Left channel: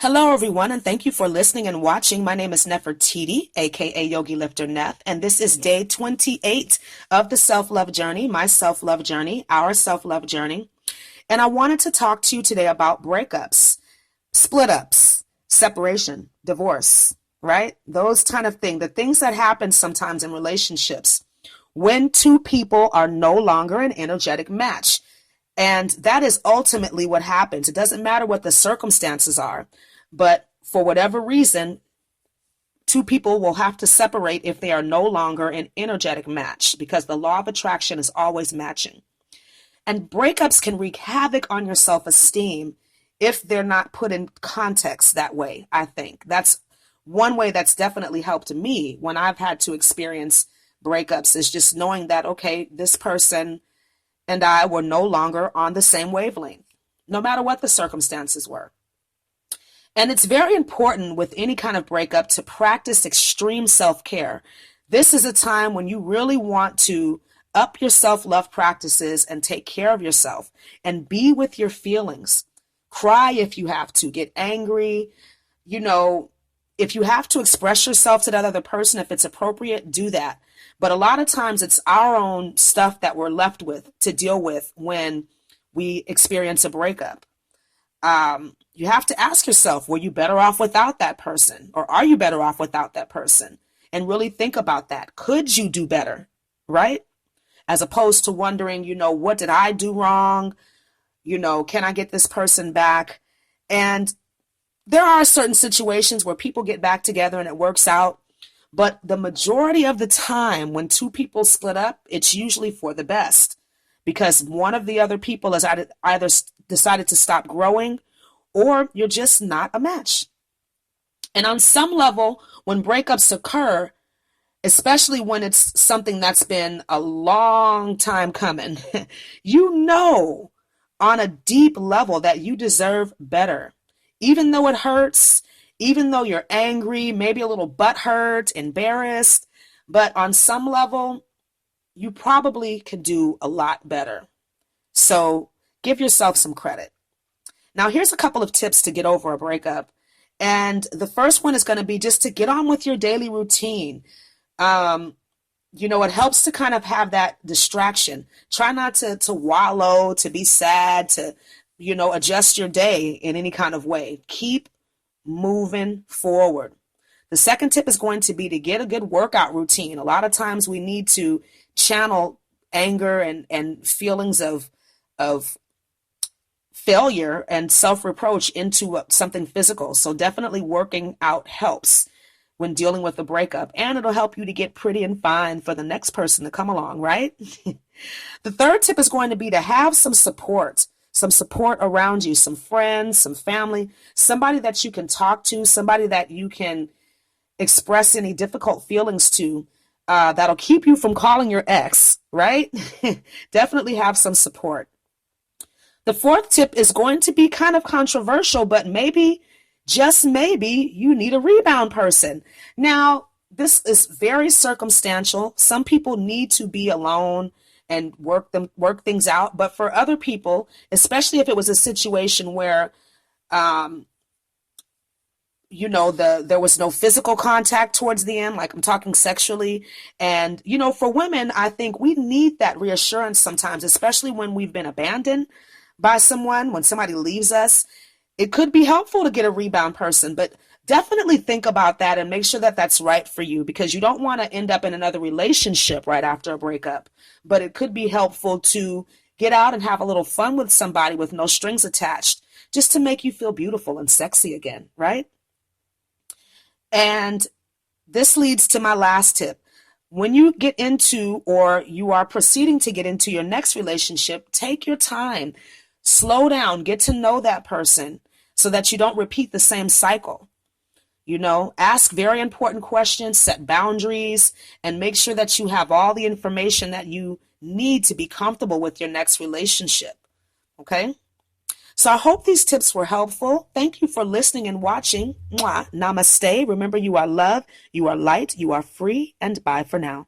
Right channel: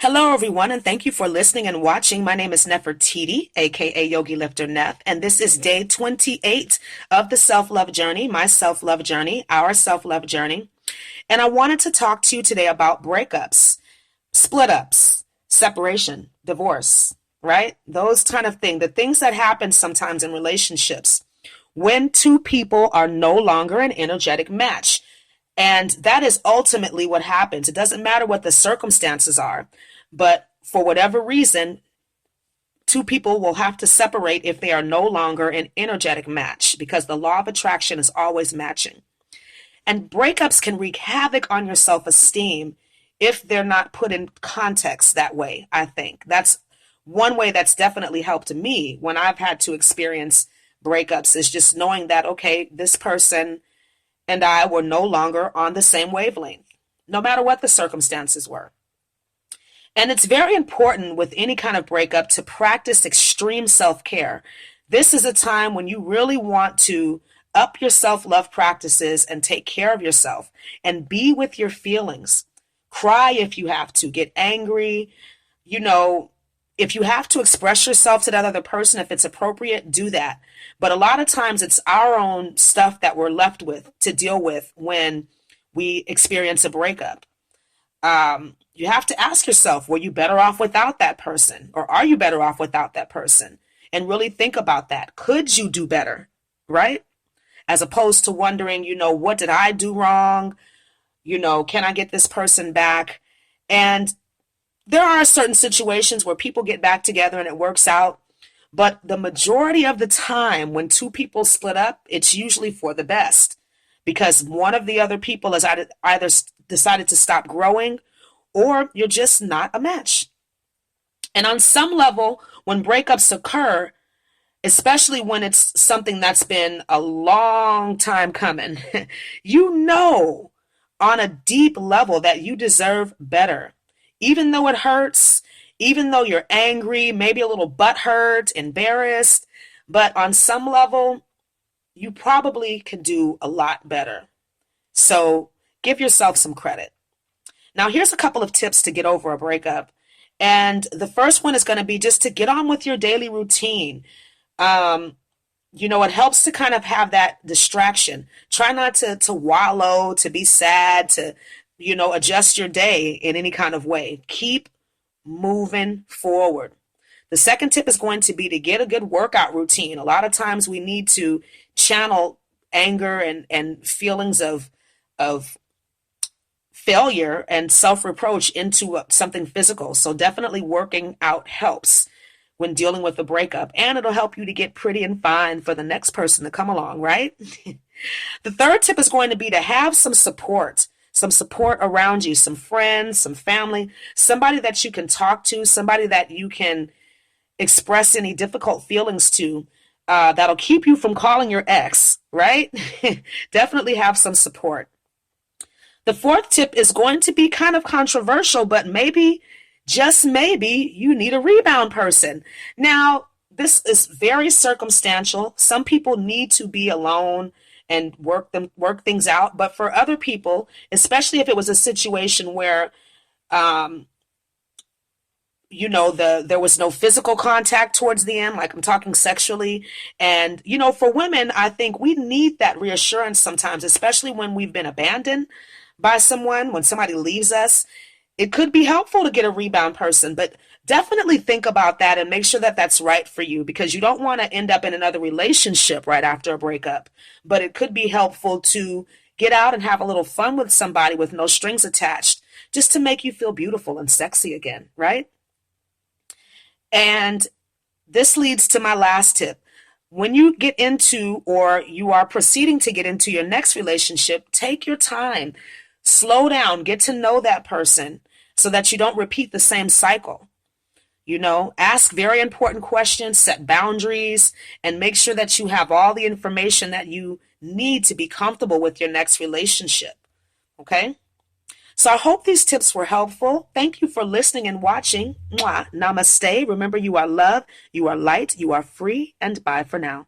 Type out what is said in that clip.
Hello, everyone, and thank you for listening and watching. My name is Nefertiti, aka Yogi Lifter Nef, and this is day 28 of the self-love journey, my self-love journey, our self-love journey. And I wanted to talk to you today about breakups, split ups, separation, divorce, right? Those kind of things, the things that happen sometimes in relationships when two people are no longer an energetic match. And that is ultimately what happens. It doesn't matter what the circumstances are, but for whatever reason, two people will have to separate if they are no longer an energetic match because the law of attraction is always matching. And breakups can wreak havoc on your self-esteem if they're not put in context that way, I think. That's one way that's definitely helped me when I've had to experience breakups is just knowing that, okay, this person and I were no longer on the same wavelength, no matter what the circumstances were. And it's very important with any kind of breakup to practice extreme self-care. This is a time when you really want to up your self-love practices and take care of yourself and be with your feelings. Cry if you have to, get angry. If you have to express yourself to that other person, if it's appropriate, do that. But a lot of times it's our own stuff that we're left with to deal with when we experience a breakup. You have to ask yourself, were you better off without that person? Or are you better off without that person? And really think about that. Could you do better? Right? As opposed to wondering, what did I do wrong? Can I get this person back? And there are certain situations where people get back together and it works out. But the majority of the time when two people split up, it's usually for the best because one of the other people has either decided to stop growing or you're just not a match. And on some level, when breakups occur, especially when it's something that's been a long time coming, on a deep level that you deserve better. Even though it hurts, even though you're angry, maybe a little butthurt, embarrassed, but on some level, you probably can do a lot better. So give yourself some credit. Now, here's a couple of tips to get over a breakup. And the first one is going to be just to get on with your daily routine. It helps to kind of have that distraction. Try not to wallow, to be sad, to, adjust your day in any kind of way. Keep moving forward. The second tip is going to be to get a good workout routine. A lot of times we need to channel anger and feelings of failure and self-reproach into something physical. So definitely working out helps when dealing with a breakup, and it'll help you to get pretty and fine for the next person to come along, right? The third tip is going to be to have some support around you, some friends, some family, somebody that you can talk to, somebody that you can express any difficult feelings to, that'll keep you from calling your ex, right? Definitely have some support. The fourth tip is going to be kind of controversial, but maybe, just maybe, you need a rebound person. Now, this is very circumstantial. Some people need to be alone and work things out. But for other people, especially if it was a situation where, there was no physical contact towards the end, like I'm talking sexually. And, for women, I think we need that reassurance sometimes, especially when we've been abandoned by someone, when somebody leaves us. It could be helpful to get a rebound person, but definitely think about that and make sure that that's right for you because you don't want to end up in another relationship right after a breakup. But it could be helpful to get out and have a little fun with somebody with no strings attached, just to make you feel beautiful and sexy again, right? And this leads to my last tip. When you get into or you are proceeding to get into your next relationship, take your time, slow down, get to know that person so that you don't repeat the same cycle. Ask very important questions, set boundaries, and make sure that you have all the information that you need to be comfortable with your next relationship. Okay? So I hope these tips were helpful. Thank you for listening and watching. Mwah. Namaste. Remember, you are love, you are light, you are free, and bye for now.